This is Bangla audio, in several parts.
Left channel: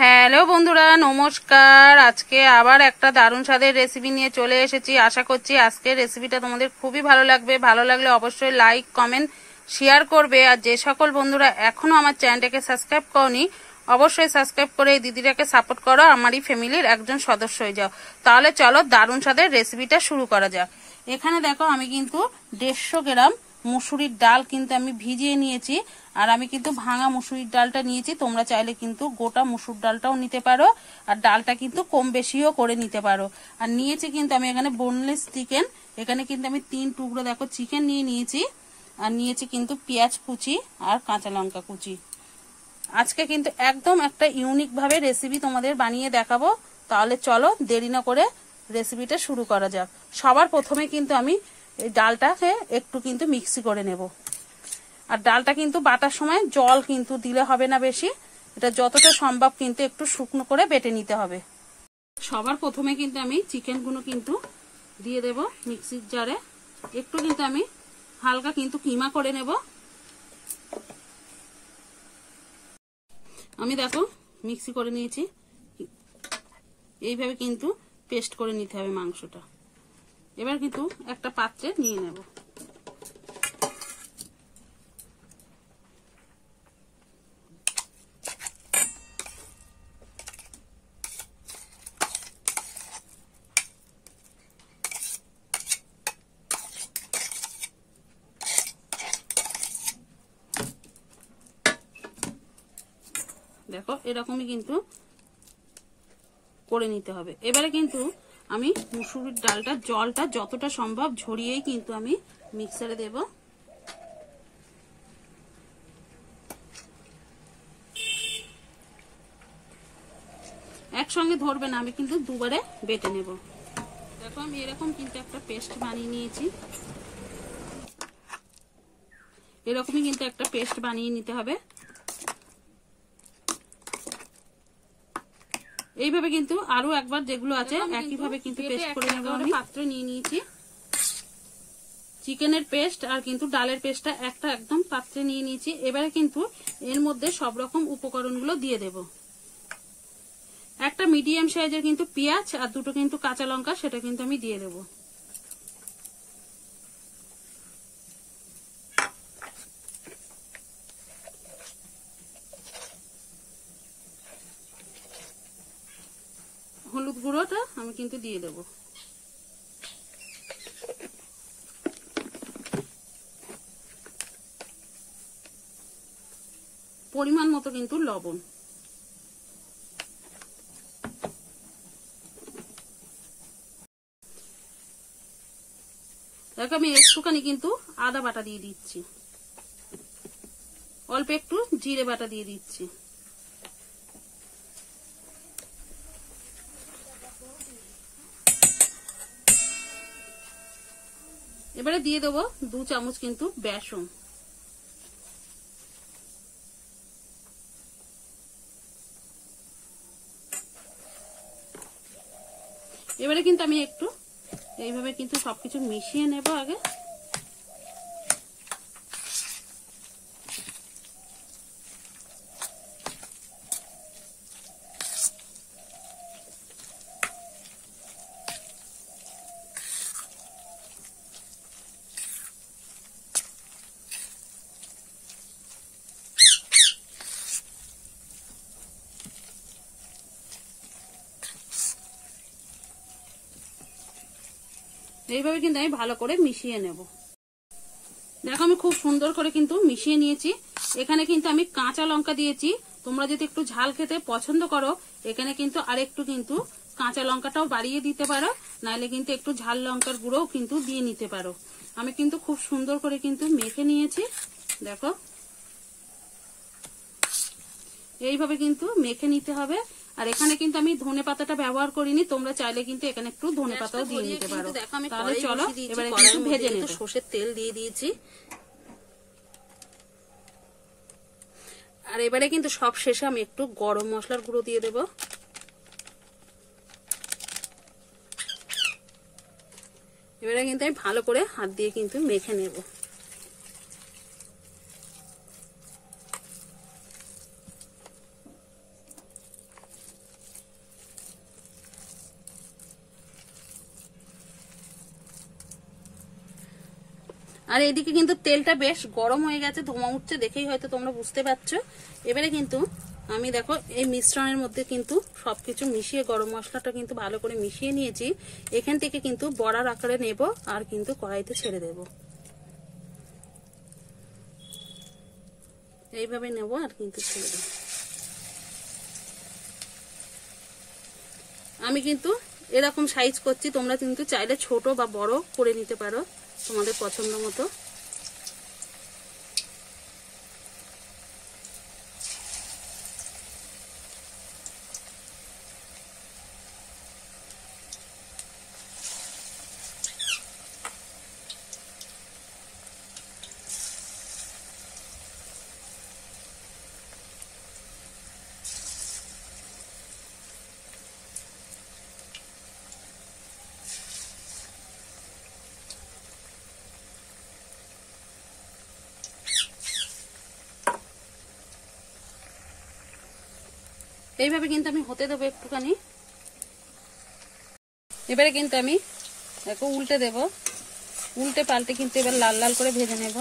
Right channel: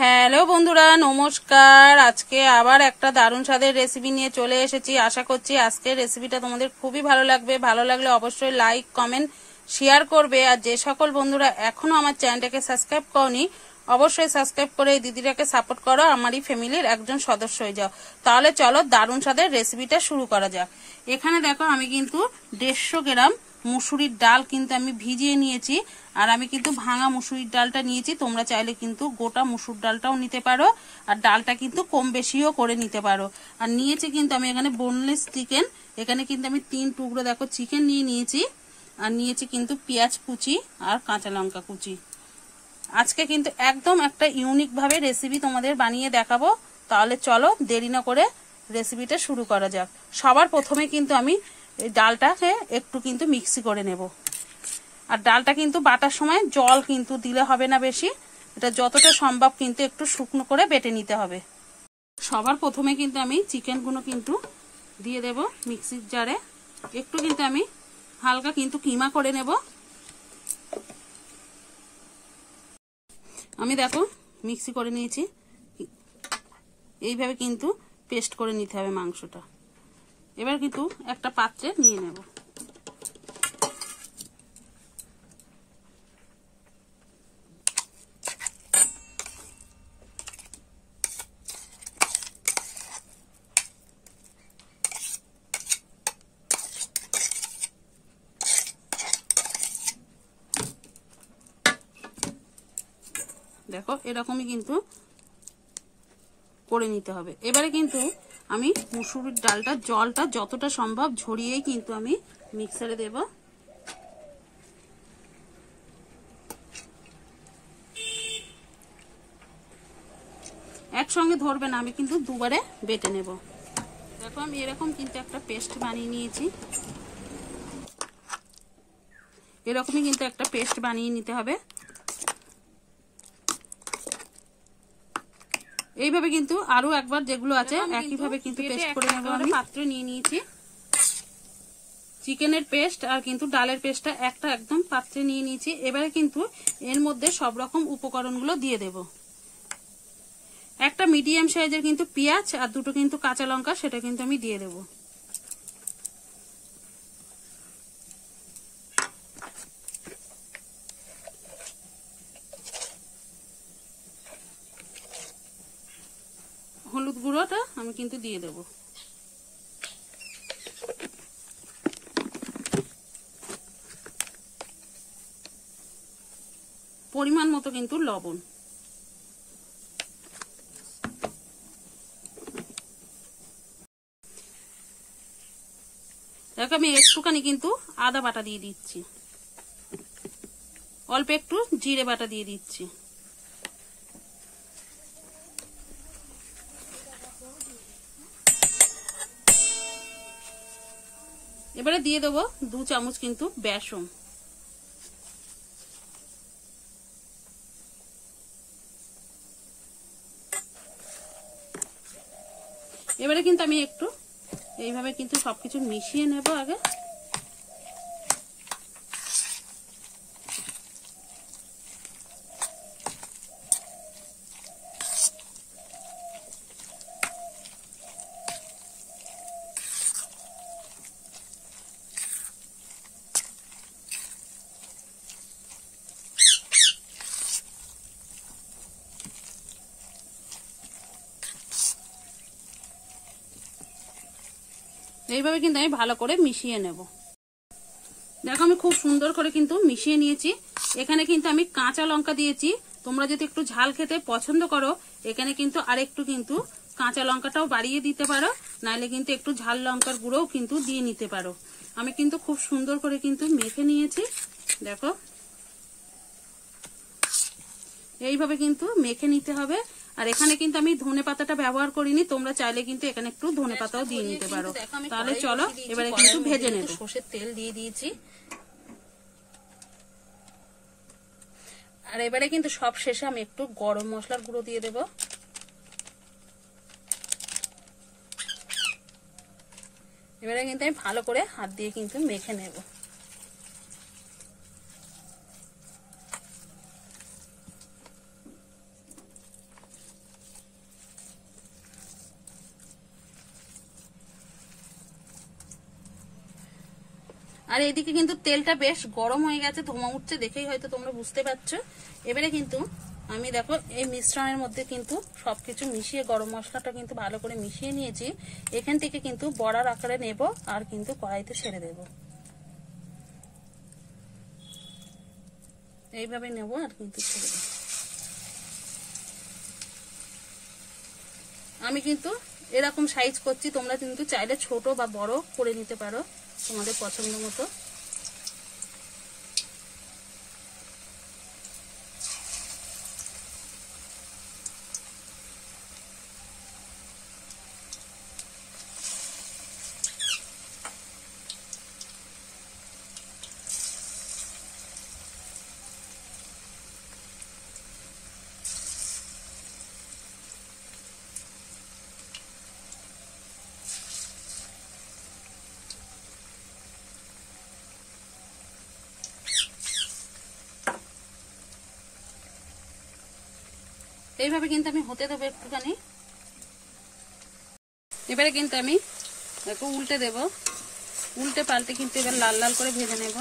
হ্যালো বন্ধুরা, নমস্কার। আজকে আবার একটা দারুণ স্বাদের রেসিপি নিয়ে চলে এসেছি। আশা করছি আজকের রেসিপিটা তোমাদের খুবই ভালো লাগবে। ভালো লাগলে অবশ্যই লাইক, কমেন্ট, শেয়ার করবে। আর যে সকল বন্ধুরা এখনো আমার চ্যানেলটাকে সাবস্ক্রাইব করনি, অবশ্যই সাবস্ক্রাইব করে এই দিদিটাকে সাপোর্ট করো, আমারই ফ্যামিলির একজন সদস্য হয়ে যাও। তাহলে চলো দারুণ স্বাদের রেসিপিটা শুরু করা যাক। এখানে দেখো আমি কিন্তু 150 গ্রাম মুসুরির ডাল কিন্তু আমি ভিজিয়ে নিয়েছি। আর আমি কিন্তু ভাঙা মুসুরির ডালটা নিয়েছি, তোমরা চাইলে কিন্তু গোটা মুসুর ডালটাও নিতে পারো, আর ডালটা কিন্তু কম বেশিও করে নিতে পারো। আর নিয়েছি কিন্তু আমি এখানে বোনলেস চিকেন। এখানে কিন্তু আমি 3 টুকরো দেখো চিকেন নিয়ে নিয়েছি। আর নিয়েছি কিন্তু পেঁয়াজ কুচি আর কাঁচা লঙ্কা কুচি। আজকে কিন্তু একদম একটা ইউনিক ভাবে রেসিপি তোমাদের বানিয়ে দেখাবো। তাহলে চলো দেরি না করে রেসিপিটা শুরু করা যাক। সবার প্রথমে কিন্তু আমি এই ডালটাকে একটু কিন্তু মিক্সি করে নেব। আর ডালটা কিন্তু বাটার সময় জল কিন্তু দিলে হবে না বেশি, এটা যতটা সম্ভব কিন্তু একটু শুকনো করে বেটে নিতে হবে। সবার প্রথমে কিন্তু আমি চিকেনগুলো কিন্তু দিয়ে দেব মিক্সির জারে। একটু কিন্তু আমি হালকা কিন্তু কিমা করে নেব। আমি দেখো মিক্সি করে নিয়েছি, এইভাবে কিন্তু পেস্ট করে নিতে হবে মাংসটা। এবার কিন্তু একটা পাত্রে নিয়ে নেব। দেখো এরকমই কিন্তু করে নিতে হবে। এবারে কিন্তু আমি মুসুরির ডালটা জলটা যতটা সম্ভব ঝরিয়েই কিন্তু আমি মিক্সারে দেব। একসঙ্গে ধরবে না, আমি কিন্তু দুবারে বেটে নেব। দেখো আমি এরকম কিন্তু একটা পেস্ট বানিয়ে নিয়েছি। এরকমই কিন্তু একটা পেস্ট বানিয়ে নিতে হবে। এইভাবে কিন্তু আরো একবার যেগুলো আছে একইভাবে কিন্তু পেস্ট করে নেব। আমি পাত্রে নিয়ে নিয়েছি চিকেনের পেস্ট আর কিন্তু ডালের পেস্টটা একটা একদম পাত্রে নিয়ে নিয়েছি। এবারে কিন্তু এর মধ্যে সব রকম উপকরণগুলো দিয়ে দেব। একটা মিডিয়াম সাইজের কিন্তু পেঁয়াজ আর দুটো কিন্তু কাঁচা লঙ্কা, সেটা কিন্তু আমি দিয়ে দেব। হলুদ গুঁড়োটা আমি কিন্তু দিয়ে দেব। পরিমাণ মতো কিন্তু লবণ। দেখো আমি একটুখানি কিন্তু আদা বাটা দিয়ে দিচ্ছি, অল্প একটু জিরে বাটা দিয়ে দিচ্ছি। এবারে দিয়ে দেবো 2 চামচ কিন্তু বেসন। এবারে কিন্তু আমি একটু এইভাবে কিন্তু সবকিছু মিশিয়ে নেব আগে। এইভাবে কিন্তু আমি ভালো করে মিশিয়ে নেব। দেখো আমি খুব সুন্দর করে কিন্তু মিশিয়ে নিয়েছি। এখানে কিন্তু আমি কাঁচা লঙ্কা দিয়েছি। তোমরা যদি একটু ঝাল খেতে পছন্দ করো এখানে কিন্তু আরেকটু কিন্তু কাঁচা লঙ্কাটাও বাড়িয়ে দিতে পারো, নাহলে কিন্তু একটু ঝাল লঙ্কার গুঁড়োও কিন্তু দিয়ে নিতে পারো। আমি কিন্তু খুব সুন্দর করে কিন্তু মেখে নিয়েছি। দেখো এইভাবে কিন্তু মেখে নিতে হবে। আর এখানে কিন্তু আমি ধনে পাতাটা ব্যবহার করিনি, তোমরা চাইলে কিন্তু এখানে একটু ধনে পাতাও দিয়ে নিতে পারো। তাহলে চলো এবারে কিন্তু ভেজে নেব। সরষের তেল দিয়ে দিয়েছি। আর এবারে কিন্তু সব শেষে আমি একটু গরম মশলার গুঁড়ো দিয়ে দেব। এবারে কিন্তু আমি ভালো করে হাত দিয়ে কিন্তু মেখে নেব। আর এদিকে কিন্তু তেলটা বেশ গরম হয়ে গেছে, ধোঁয়া উঠছে, দেখেই হয়তো তোমরা বুঝতে পারছো। এবারে কিন্তু আমি দেখো এই মিশ্রণের মধ্যে কিন্তু সবকিছু মিশিয়ে, গরম মশলাটা কিন্তু ভালো করে মিশিয়ে নিয়েছি। এখান থেকে কিন্তু বড়ার আকারে নেব আর কিন্তু কড়াইতে ছেড়ে দেব। এইভাবে নেব আর কিন্তু ছেড়ে দেব। আমি কিন্তু এরকম সাইজ করছি, তোমরা কিন্তু চাইলে ছোট বা বড় করে নিতে পারো তোমাদের পছন্দ মতো। এইভাবে কিন্তু আমি হতে দেবো একটুখানি। এবারে কিন্তু আমি একটু উল্টে দেব, উল্টে পাল্টে কিন্তু এবার লাল লাল করে ভেজে নেব।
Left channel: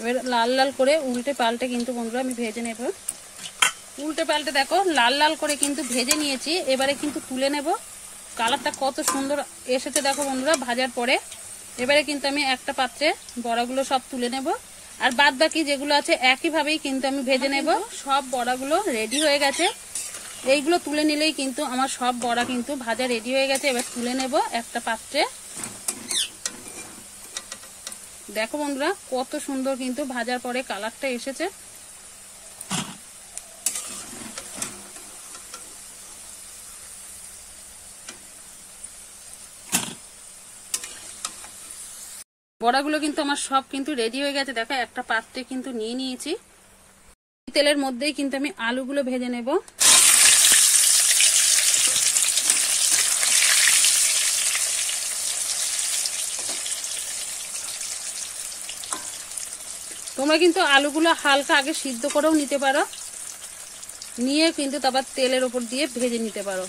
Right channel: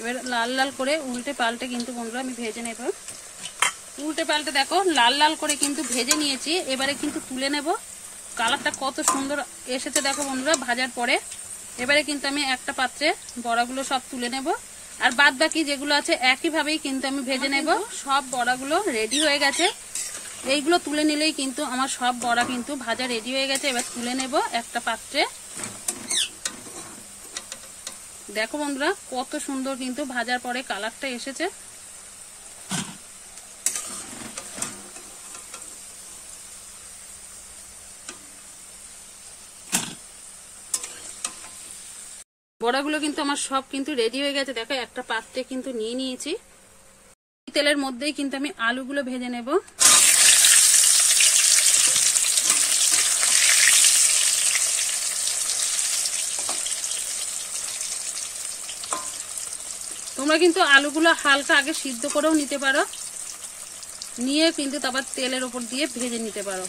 এবার লাল লাল করে উল্টে পাল্টে কিন্তু বন্ধুরা আমি ভেজে নেব। উল্টে পাল্টে দেখো লাল লাল করে কিন্তু ভেজে নিয়েছি। এবারে কিন্তু তুলে নেব। কালারটা কত সুন্দর এসেছে দেখো বন্ধুরা ভাজার পরে। এবারে কিন্তু আমি একটা পাত্রে বড়াগুলো সব তুলে নেব, আর বাদ বাকি যেগুলো আছে একইভাবেই কিন্তু আমি ভেজে নেব। সব বড়াগুলো রেডি হয়ে গেছে। এইগুলো তুলে নিলেই কিন্তু আমার সব বড়া কিন্তু ভাজা রেডি হয়ে গেছে। এবার তুলে নেব একটা পাত্রে। দেখো বন্ধুরা কত সুন্দর কিন্তু ভাজার পরে কালারটা এসেছে। বড়াগুলো কিন্তু আমার সব কিন্তু রেডি হয়ে গেছে। দেখো একটা পাত্রে কিন্তু নিয়ে নিয়েছি। তেলের মধ্যেই কিন্তু আমি আলুগুলো ভেজে নেব। তোমরা কিন্তু আলুগুলো হালকা আগে সিদ্ধ করেও নিতে পারো, নিয়ে কিন্তু তারপর তেলের উপর দিয়ে ভেজে নিতে পারো।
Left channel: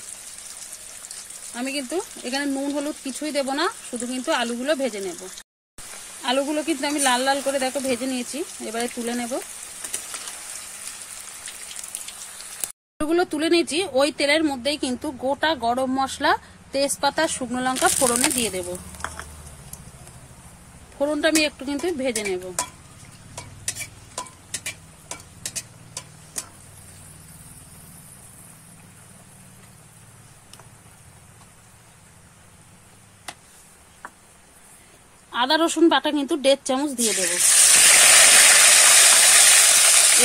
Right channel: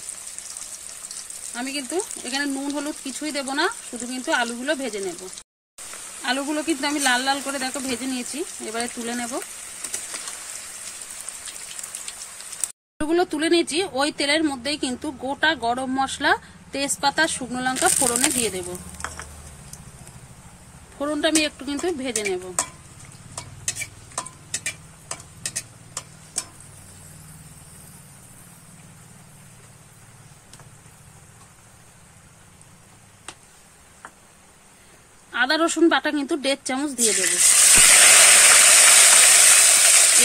আমি কিন্তু এখানে নুন হলুদ কিছুই দেব না, শুধু কিন্তু আলুগুলো ভেজে নেব। আলুগুলো কিন্তু আমি লাল লাল করে দেখো ভেজে নিয়েছি। এবারে তুলে নেব। আলুগুলো তুলে নিয়েছি। ওই তেলের মধ্যেই কিন্তু গোটা গরম মশলা, তেজপাতা, শুকনো লঙ্কা ফোড়নে দিয়ে দেব। ফোড়নটা আমি একটু কিন্তু ভেজে নেব। আদা রসুন বাটা কিন্তু 1.5 চামচ দিয়ে দেব।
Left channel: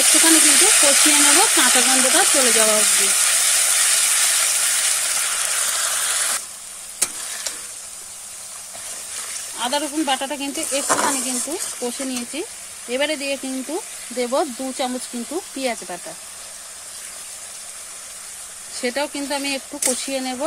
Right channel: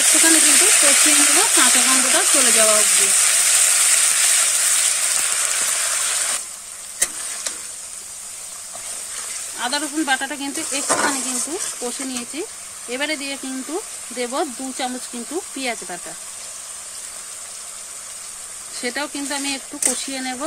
একটুখানি কিন্তু কষিয়ে নেব, কাঁচা গন্ধটা চলে যাওয়া অবধি। আদা রসুন বাটাটা কিন্তু একটুখানি কিন্তু কষে নিয়েছি। এবারে দিয়ে কিন্তু দেব 2 চামচ কিন্তু পেঁয়াজ বাটা, সেটাও কিন্তু আমি একটু কষিয়ে নেব।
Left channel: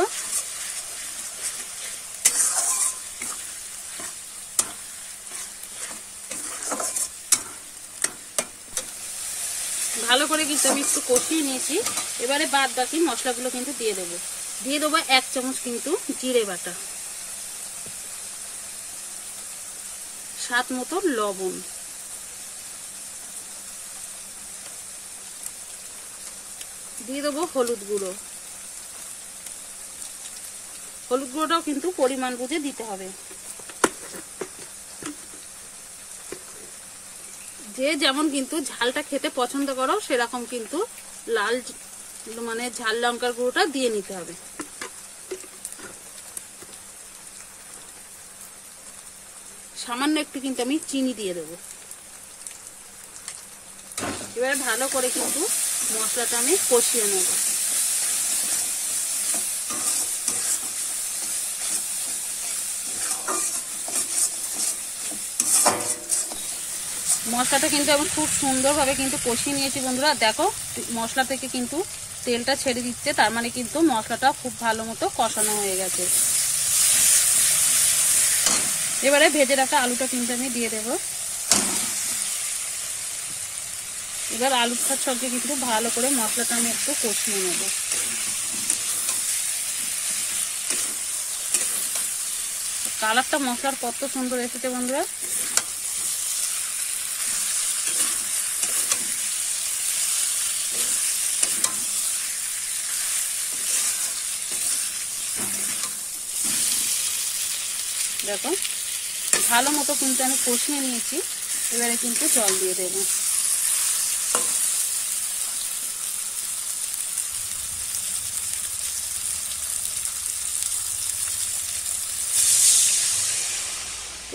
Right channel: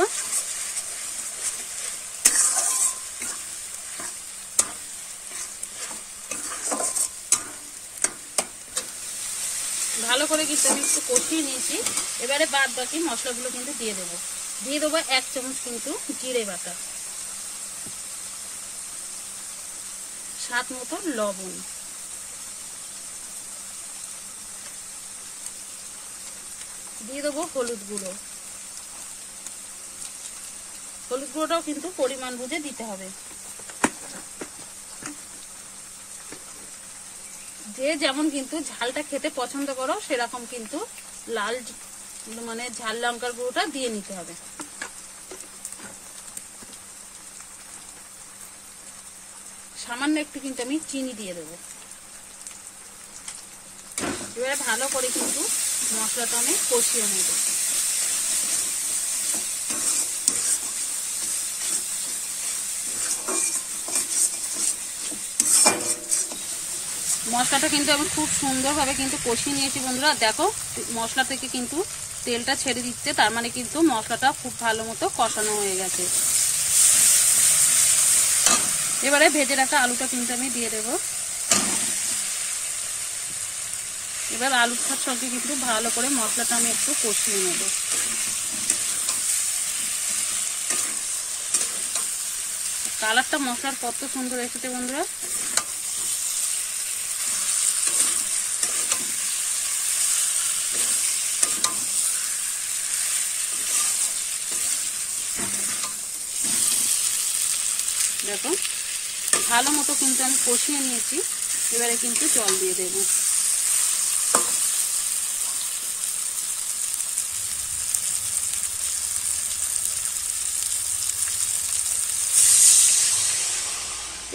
ভালো করে কিন্তু আমি একটু কষিয়ে নিয়েছি। এবারে বাদ বাকি মশলাগুলো কিন্তু দিয়ে দেবো। দিয়ে দেবো 1 চামচ কিন্তু জিরে বাটা, স্বাদ মতো লবণ, দিয়ে দেবো হলুদ গুঁড়ো। হলুদ গুঁড়োটাও কিন্তু পরিমাণ বুঝে দিতে হবে। যে যেমন কিন্তু ঝালটা খেতে পছন্দ করো সেরকম কিন্তু লাল মানে ঝাল লঙ্কার গুঁড়োটা দিয়ে নিতে হবে। সামান্য একটু কিন্তু আমি চিনি দিয়ে দেবো। এবারে ভালো করে কিন্তু মশলাটা আমি কষিয়ে নেব। মশলাটা কিন্তু আমি খুব সুন্দরভাবে কিন্তু কষিয়ে নিয়েছি বন্ধুরা। দেখো মশলা থেকে কিন্তু তেলটা ছেড়ে দিচ্ছে, তার মানে কিন্তু মশলাটা খুব ভালো মতো কষানো হয়ে গেছে। এবারে ভেজে রাখা আলুটা কিন্তু আমি দিয়ে দেব। এবার আলুর সঙ্গে কিন্তু ভালো করে মশলাটা আমি একটু কষিয়ে নেব। কালারটা মশলার কত সুন্দর এসেছে বন্ধুরা। দেখো ভালো মতো কিন্তু আমি কষিয়ে নিয়েছি। এবারে কিন্তু জল দিয়ে দেব।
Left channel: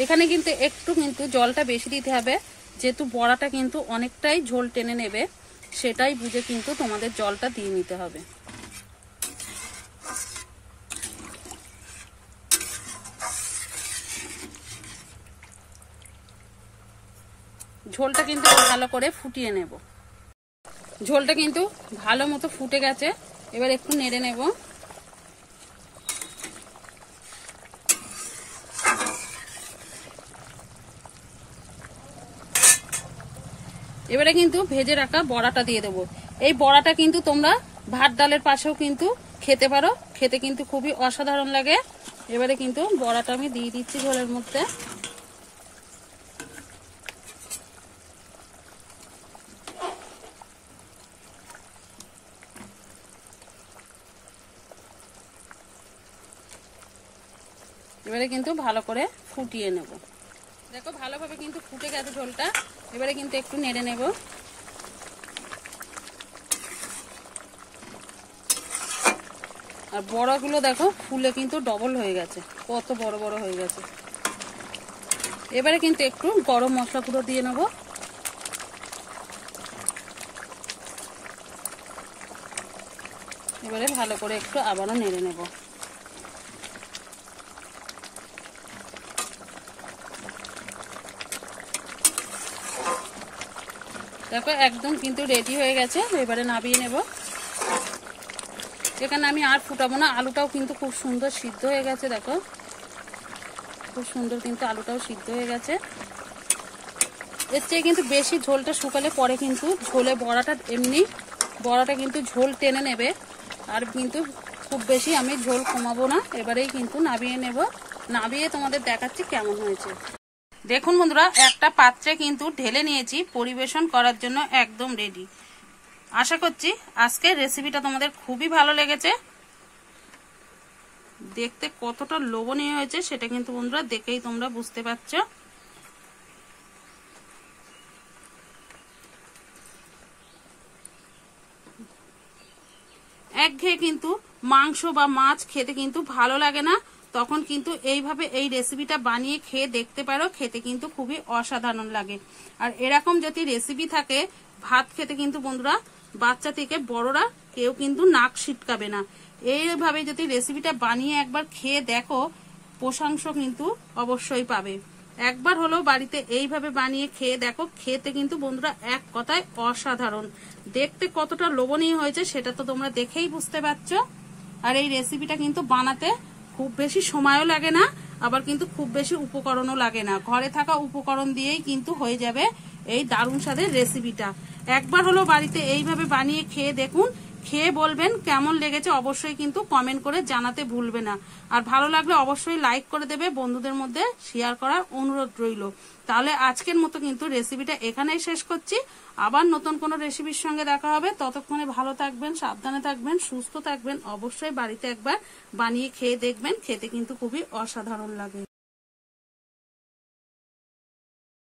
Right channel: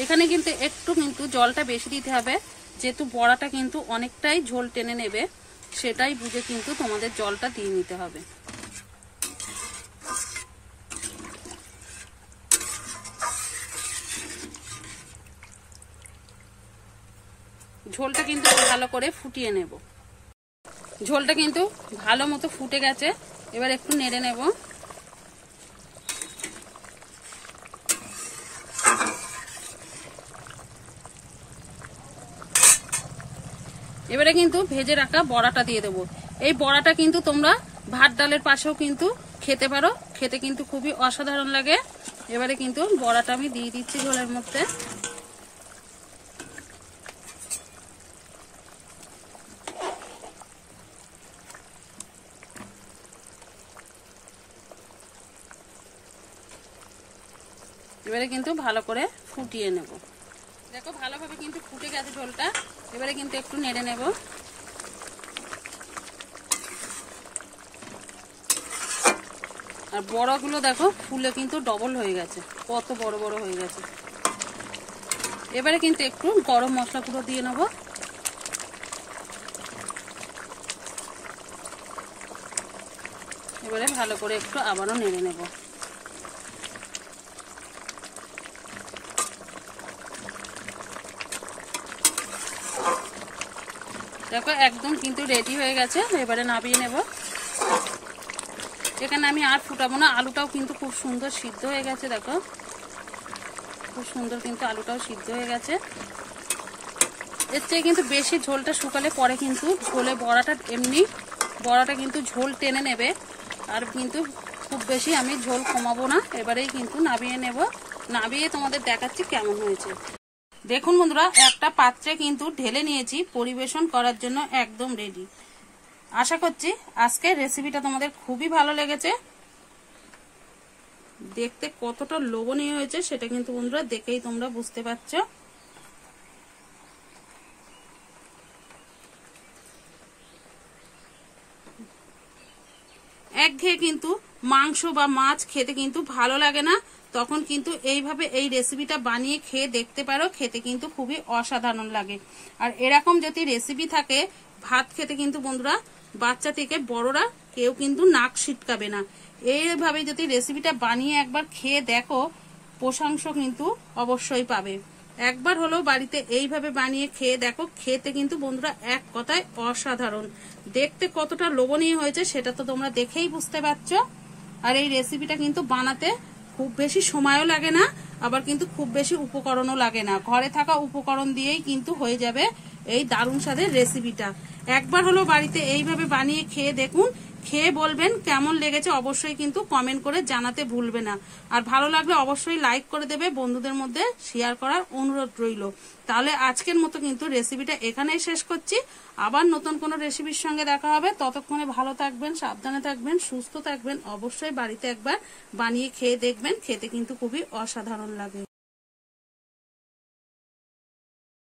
এখানে কিন্তু একটু কিন্তু জলটা বেশি দিতে হবে, যেহেতু বড়াটা কিন্তু অনেকটাই ঝোল টেনে নেবে, সেটাই বুঝে কিন্তু তোমাদের জলটা দিয়ে নিতে হবে। ঝোলটা কিন্তু ভালো করে ফুটিয়ে নেব। ঝোলটা কিন্তু ভালো মতো ফুটে গেছে, এবার একটু নেড়ে নেব। এবারে কিন্তু ভেজে রাখা বড়াটা দিয়ে দেবো। এই বড়াটা কিন্তু তোমরা ভাত ডালের পাশেও কিন্তু খেতে পারো, খেতে কিন্তু খুবই অসাধারণ লাগে। এবারে কিন্তু বড়াটা আমি দিয়ে দিচ্ছি ঝোলের মধ্যে। এবারে কিন্তু ভালো করে ফুটিয়ে নেব। দেখো ভালোভাবে কিন্তু ফুটে গেছে ঝোলটা। এবারে কিন্তু একটু নেড়ে নেব। আর বড়াগুলো দেখো ফুলে কিন্তু ডবল হয়ে গেছে, কত বড় বড় হয়ে গেছে। এবারে কিন্তু একটু গরম মশলা গুঁড়ো দিয়ে নেব। এবারে ভালো করে একটু আবারও নেড়ে নেব। দেখো একদম কিন্তু রেডি হয়ে গেছে। এবারে নামিয়ে নেব। এখানে আমি আর ফুটাবো না, আলুটাও কিন্তু খুব সুন্দর সিদ্ধ হয়ে গেছে। দেখো খুব সুন্দর কিন্তু আলুটাও সিদ্ধ হয়ে গেছে। এর চেয়ে কিন্তু বেশি ঝোলটা শুকালে পরে কিন্তু ঝোলে বড়াটা কিন্তু ঝোল টেনে নেবে, আর কিন্তু খুব বেশি আমি ঝোল কমাবো না। এবারেই কিন্তু নামিয়ে নেব। নামিয়ে তোমাদের দেখাচ্ছি কেমন হয়েছে। দেখুন বন্ধুরা, একটা পাত্রে কিন্তু ঢেলে নিয়েছি, পরিবেশন করার জন্য একদম রেডি। আশা করছি আজকের রেসিপিটা তোমাদের খুবই ভালো লেগেছে। দেখতে কতটা লোভনীয় হয়েছে সেটা কিন্তু বন্ধুরা দেখেই তোমরা বুঝতে পারছো। একঘেয়ে কিন্তু মাংস বা মাছ খেতে কিন্তু ভালো লাগে না, তখন কিন্তু এইভাবে এই রেসিপিটা বানিয়ে খেয়ে দেখতে পারো, খেতে কিন্তু খুবই অসাধারণ লাগে। আর এরকম যদি রেসিপি থাকে ভাত খেতে কিন্তু বন্ধুরা বাচ্চা থেকে বড়রা কেউ কিন্তু নাক ছিটকাবে না। এইভাবে যদি রেসিপিটা বানিয়ে একবার খেয়ে দেখো, প্রশংসা কিন্তু অবশ্যই পাবে। একবার হলেও বাড়িতে এইভাবে বানিয়ে খেয়ে দেখো, খেতে কিন্তু বন্ধুরা এক কথায় অসাধারণ। দেখতে কতটা লোভনীয় হয়েছে সেটা তো তোমরা দেখেই বুঝতে পারছো। আর এই রেসিপিটা কিন্তু বানাতে খুব বেশি সময়ও লাগে না, আবার কিন্তু খুব বেশি উপকরণও লাগে না। ঘরে থাকা উপকরণ দিয়েই কিন্তু হয়ে যাবে এই দারুণ স্বাদের রেসিপিটা। একবার হলো বাড়িতে এইভাবে বানিয়ে খেয়ে দেখুন, খেয়ে বলবেন কেমন লেগেছে, অবশ্যই কিন্তু কমেন্ট করে জানাতে ভুলবে না। আর ভালো লাগলে অবশ্যই লাইক করে দেবে, বন্ধুদের মধ্যে শেয়ার করার অনুরোধ রইল। তাহলে আজকের মতো কিন্তু রেসিপিটা এখানেই শেষ করছি। আবার নতুন কোনো রেসিপির সঙ্গে দেখা হবে। ততক্ষণে ভালো থাকবেন, সাবধানে থাকবেন, সুস্থ থাকবেন। অবশ্যই বাড়িতে একবার বানিয়ে খেয়ে দেখবেন, খেতে কিন্তু খুবই অসাধারণ লাগে।